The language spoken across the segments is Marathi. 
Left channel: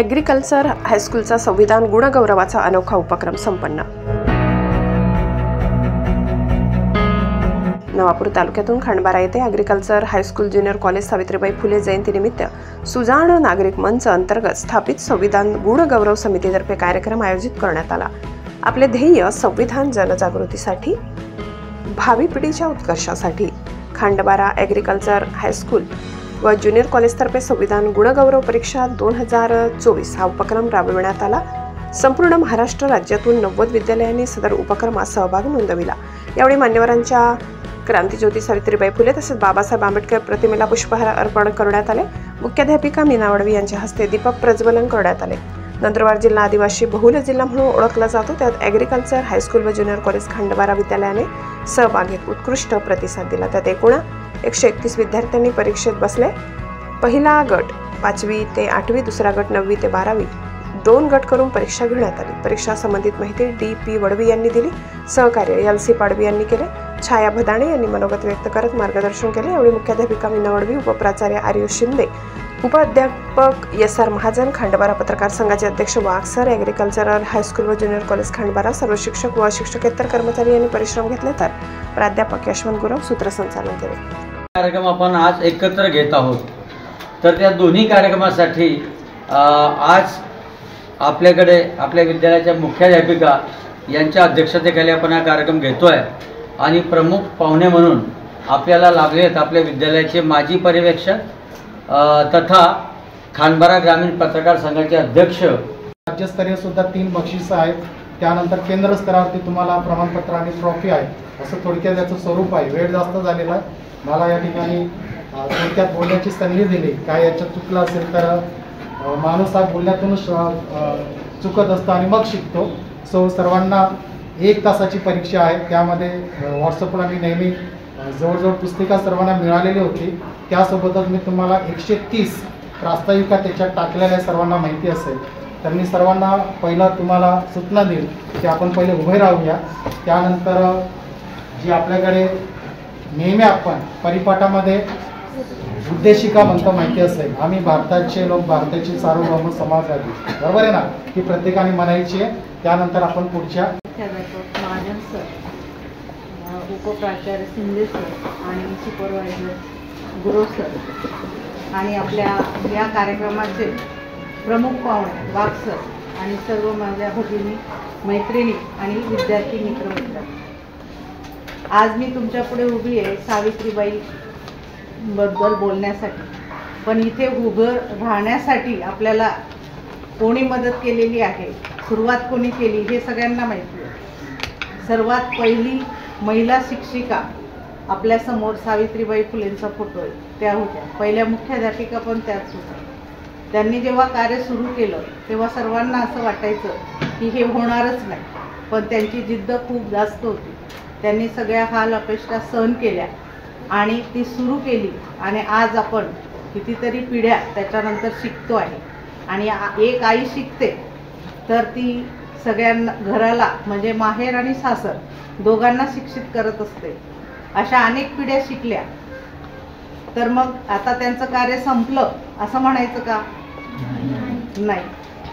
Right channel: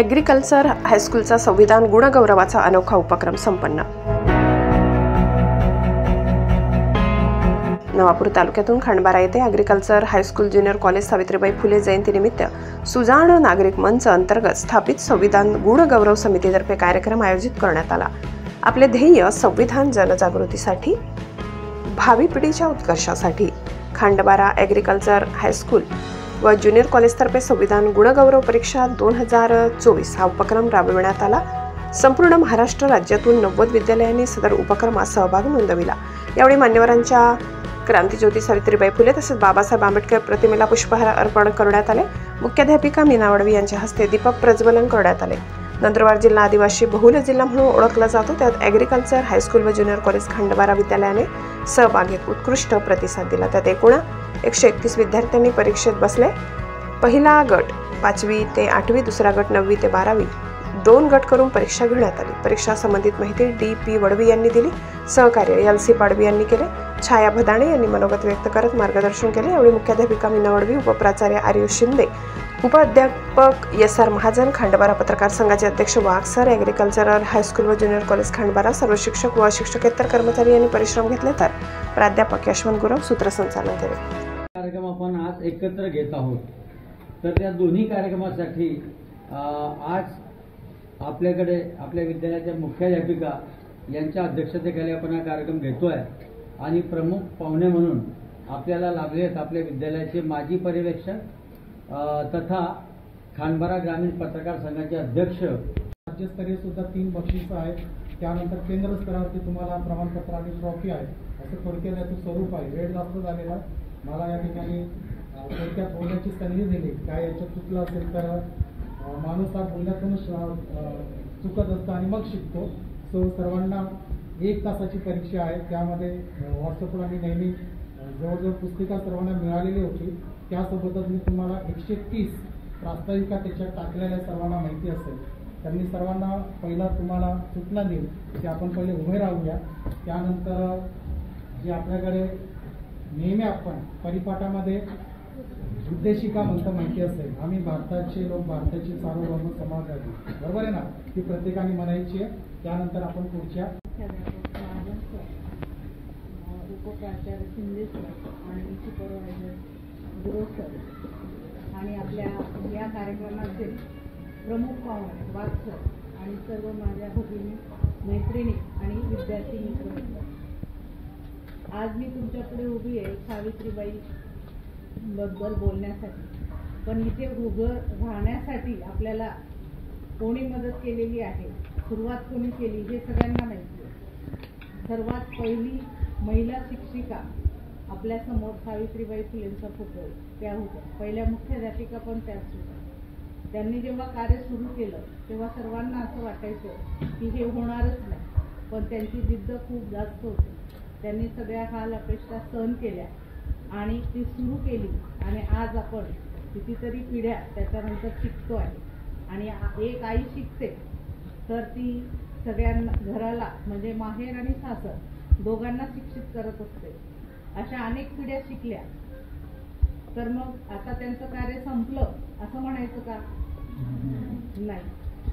ॲग्रिकल्चर हायस्कूलचा संविधान गुणगौरवाचा अनोखा उपक्रम संपन्न। नवापूर तालुक्यातून खंडबारा येथे agriculture high school junior college Savitribai Phule जयंतीनिमित्त सुजाण नागरिक मंच अंतर्गत स्थापित संविधान गुणगौरव समितीतर्फे कार्यक्रम आयोजित करण्यात आला। आपले ध्येय संविधान जनजागृतीसाठी, भावी पिढीच्या उत्कर्षासाठी खंडबारा ॲग्रिकल्चर हायस्कूल व ज्युनियर कॉलेजतर्फे संविधान गुणगौरव परीक्षा 2024 हा उपक्रम राबविण्यात आला। संपूर्ण महाराष्ट्र राज्यातून 90 विद्यालयांनी सदर उपक्रमात सहभाग नोंदविला। यावेळी मान्यवरांच्या क्रांतिज्योती सावित्रीबाई फुले तसेच बाबासाहेब आंबेडकर प्रतिमेला पुष्पहार अर्पण करण्यात आले। मुख्याध्यापिका मीना वडवी यांच्या हस्ते दीपक प्रज्वलन करण्यात आले। नंदुरबार जिल्हा आदिवासी बहुल जिल्हा म्हणून ओळखला जातो, त्यात ॲग्रिकल्चर हायस्कूल व ज्युनियर कॉलेज खंडबारा विद्यालयाने सहभागीत उत्कृष्ट प्रतिसाद दिला। त्यात एकूण 131 विद्यार्थ्यांनी परीक्षेत बसले। पहिला गट 5वी ते 8वी, दुसरा गट 9वी ते 12वी, 2 गट करून परीक्षा घेण्यात आली। परीक्षा संबंधित माहिती डी.पी. वडवी यांनी दिली। सहकार्य एल.सी. पाडवी यांनी केले। छाया भदाणे यांनी मनोगत व्यक्त करत मार्गदर्शन केले। यावेळी मुख्याध्यापिका मीना वडवी, उपप्राचार्य आर्युष शिंदे, उपाध्यापक एस.आर. महाजन, खंडबारा पत्रकार संघाचे अध्यक्ष वाघ सर, ॲग्रिकल्चरल हायस्कूल व ज्युनियर कॉलेज खंडबारा सर्व शिक्षक व शिक्षकेतर कर्मचारी यांनी परिश्रम घेतले, तर प्राध्यापक यशवंत गुरव सूत्रसंचालन केले। कार्यक्रम आपण आज एकत्र घेत आहोत, तर त्या दोन्ही कार्यक्रमासाठी आज आपल्याकडे आपल्या विद्यालयाच्या मुख्याध्यापिका यांच्या अध्यक्षतेखाली आपण हा कार्यक्रम घेतोय आणि प्रमुख पाहुणे म्हणून आपल्याला लाभले आहेत आपल्या विद्यालयाचे माजी पर्यवेक्षक तथा खंडबारा ग्रामीण पत्रकार संघाचे अध्यक्ष। राज्यस्तरीय सुद्धा 3 बक्षिसं आहेत, त्यानंतर केंद्र स्तरावरती तुम्हाला प्रमाणपत्र आणि ट्रॉफी आहे। असं थोडक्यात याचं स्वरूप आहे। वेळ जास्त झालेला आहे, मला या ठिकाणी थोडक्यात बोलण्याची संधी दिली। काय याच्यात चुकलं असेल तर माणूस हा बोलण्यातूनच चुकत असतो आणि मग शिकतो। सर्वांना 1 तासाची परीक्षा आहे, त्यामध्ये व्हॉट्सअपला मी नेहमी जवळजवळ पुस्तिका सर्वांना मिळालेली होती। त्यासोबतच मी तुम्हाला 130 प्रास्ताविका त्याच्यात टाकलेल्या सर्वांना माहिती असेल, तर मी सर्वांना पहिला तुम्हाला सूचना देईल की आपण पहिले उभे राहूया। त्यानंतर जी आपल्याकडे नेहमी आपण परिपाठामध्ये उद्देशिका म्हणतो माहिती असेल, आम्ही भारताचे लोक, भारताची सार्वभौम समाजवादी, बरोबर आहे ना, ही प्रत्येकाने म्हणायची आहे। त्यानंतर आपण पुढच्या महाजन सर, उपप्राचार्य शिंदे सर आणि सुपरवायझर गुरव सर आणि आपल्या या कार्यक्रमाचे प्रमुख पाहुणे वाघ सर आणि सर्व माझ्या भगिनी, मैत्रिणी आणि विद्यार्थी मित्र, आज मी तुमच्या पुढे उभी आहे सावित्रीबाई बद्दल बोलण्यासाठी। पण इथे उभं राहण्यासाठी आपल्याला कोणी मदत केलेली आहे, सुरुवात कोणी केली हे सगळ्यांना माहिती आहे। सर्वात पहिली महिला शिक्षिका आपल्यासमोर सावित्रीबाई फुलेंचा फोटो आहे, त्या होत्या। पहिल्या मुख्याध्यापिका पण त्याच होत्या। त्यांनी जेव्हा कार्य सुरू केलं तेव्हा सर्वांना असं वाटायचं की हे होणारच नाही, पण त्यांची जिद्द खूप जास्त होती। त्यांनी सगळ्या हाल अपेक्षा सहन केल्या आणि ती सुरू केली आणि आज आपण कितीतरी पिढ्या त्याच्यानंतर शिकतो आहे। आणि एक आई शिकते तर ती सगळ्यांना, घराला म्हणजे माहेर आणि सासर दोघांना शिक्षित करत असते। अशा अनेक पिढ्या शिकल्या तर मग आता त्यांचं कार्य संपलं असं म्हणायचं का? नाही।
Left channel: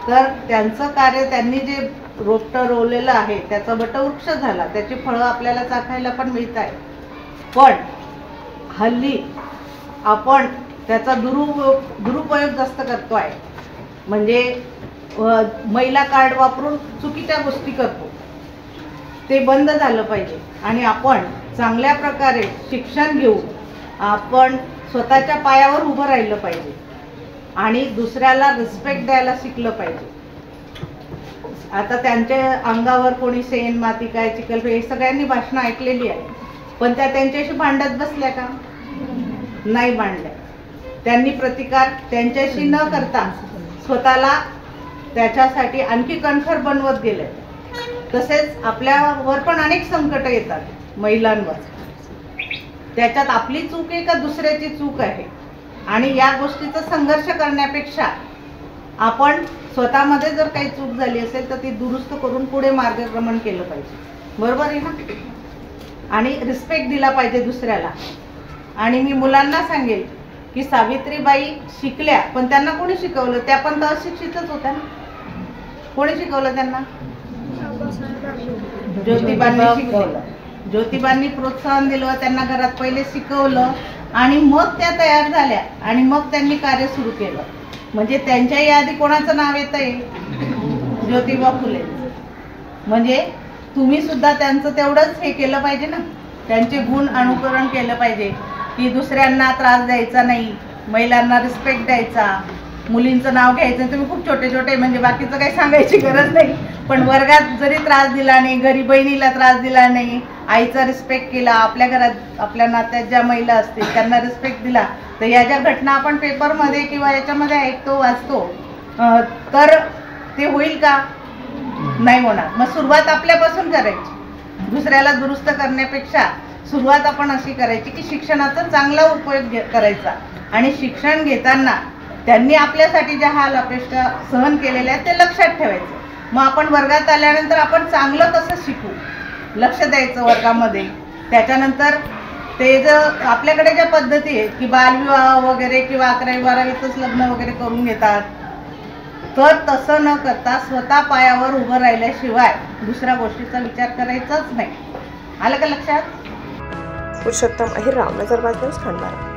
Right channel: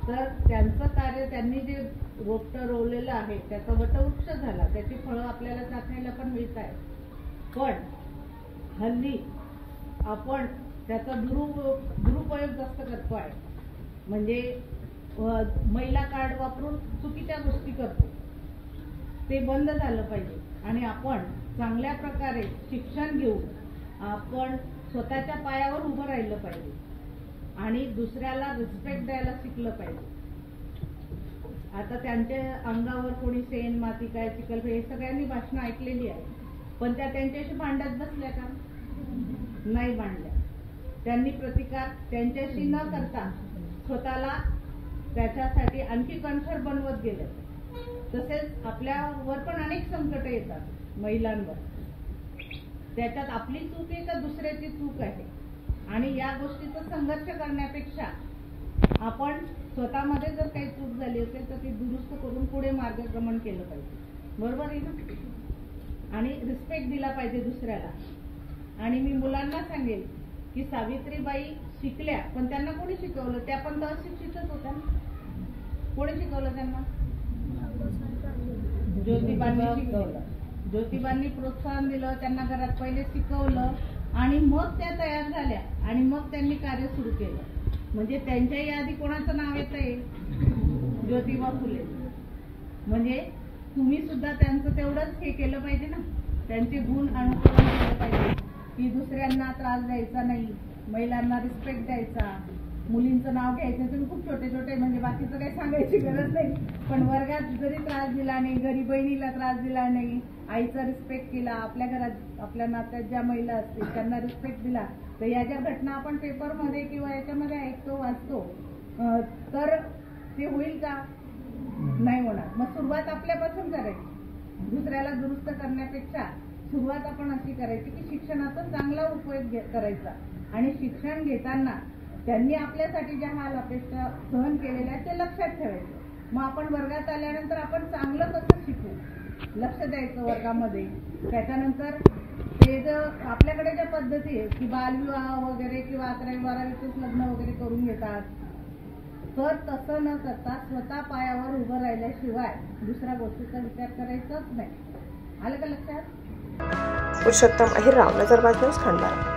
तर त्यांचं कार्य, त्यांनी जे रोपटं रोवलेलं आहे त्याचा वटवृक्ष झाला, त्याची फळं आपल्याला चाखायला पण मिळत आहे। पण हल्ली आपण त्याचा दुरुपयोग जास्त करतो आहे, म्हणजे महिला कार्ड वापरून चुकीच्या गोष्टी करतो। ते बंद झालं पाहिजे आणि आपण चांगल्या प्रकारे शिक्षण घेऊन आपण स्वतःच्या पायावर उभं राहिलं पाहिजे आणि दुसऱ्याला रिस्पेक्ट द्यायला शिकलं पाहिजे। आता त्यांच्या अंगावर कोणी शेण, माती, काय चिखल, हे सगळ्यांनी भाषणं ऐकलेली आहे, पण त्या त्यांच्याशी भांडत बसल्या का? नाही भांडल्या। त्यांनी प्रतिकार त्यांच्याशी न करता स्वतःला त्याच्यासाठी आणखी कणखर बनवत गेले। तसेच आपल्यावर पण अनेक संकट येतात महिलांवर, त्याच्यात आपली चूक आहे का दुसऱ्याची चूक आहे? आणि या गोष्टीचा संघर्ष करण्यापेक्षा आपण स्वतःमध्ये जर काही चूक झाली असेल तर ती दुरुस्त करून पुढे मार्गक्रमण केलं पाहिजे, बरोबर आहे ना? आणि रिस्पेक्ट दिला पाहिजे दुसऱ्याला। आणि मी मुलांना सांगेल की सावित्रीबाई शिकल्या, पण त्यांना कोणी शिकवलं? त्या पण तर अशिक्षितच होत्या ना. कोणी शिकवलं त्यांना? ज्योतिबांनी शिकवलं. ज्योतिबांनी प्रोत्साहन दिलं, त्यांना घरात पहिले शिकवलं आणि मग त्या तयार झाल्या आणि मग त्यांनी कार्य सुरू केलं. म्हणजे त्यांच्याही आधी कोणाचं नाव येतंय? ज्योतिबा फुले. म्हणजे तुम्ही सुद्धा त्यांचं तेवढंच हे केलं पाहिजे ना, त्यांचे गुण अनुकरण केलं पाहिजे की दुसऱ्यांना त्रास द्यायचा नाही, महिलांना रिस्पेक्ट द्यायचा, मुलींचं नाव घ्यायचं. तुम्ही खूप छोटे छोटे, म्हणजे बाकीचं काही सांगायची गरज नाही, पण वर्गात जरी त्रास दिला नाही, घरी बहिणीला त्रास दिला नाही, आईचा रिस्पेक्ट केला, आपल्या घरात आपल्या नात्यात ज्या महिला असतील त्यांना रिस्पेक्ट दिला, तर या ज्या घटना आपण पेपरमध्ये किंवा याच्यामध्ये ऐकतो वाचतो, तर ते होईल का? नाही होणार. मग सुरुवात आपल्यापासून करायची. दुसऱ्याला दुरुस्त करण्यापेक्षा सुरुवात आपण अशी करायची की शिक्षणाचा चांगला उपयोग करायचा आणि शिक्षण घेताना त्यांनी आपल्यासाठी ज्या हाल अपेक्षा सहन केलेल्या आहेत ते लक्षात ठेवायचं. मग आपण वर्गात आल्यानंतर आपण चांगलं कसं शिकू, लक्ष द्यायचं वर्गामध्ये. त्याच्यानंतर ते जर आपल्याकडे ज्या पद्धती आहेत की बालविवाह वगैरे किंवा 11वी 12वीतच लग्न वगैरे करून घेतात, तर तसं न करता स्वतः पायावर उभं राहिल्याशिवाय दुसऱ्या गोष्टीचा विचार करायचाच नाही. आलं का लक्षात? पुरुषोत्तम अहिरराव, नजरबाज न्यूज, खंडबारा.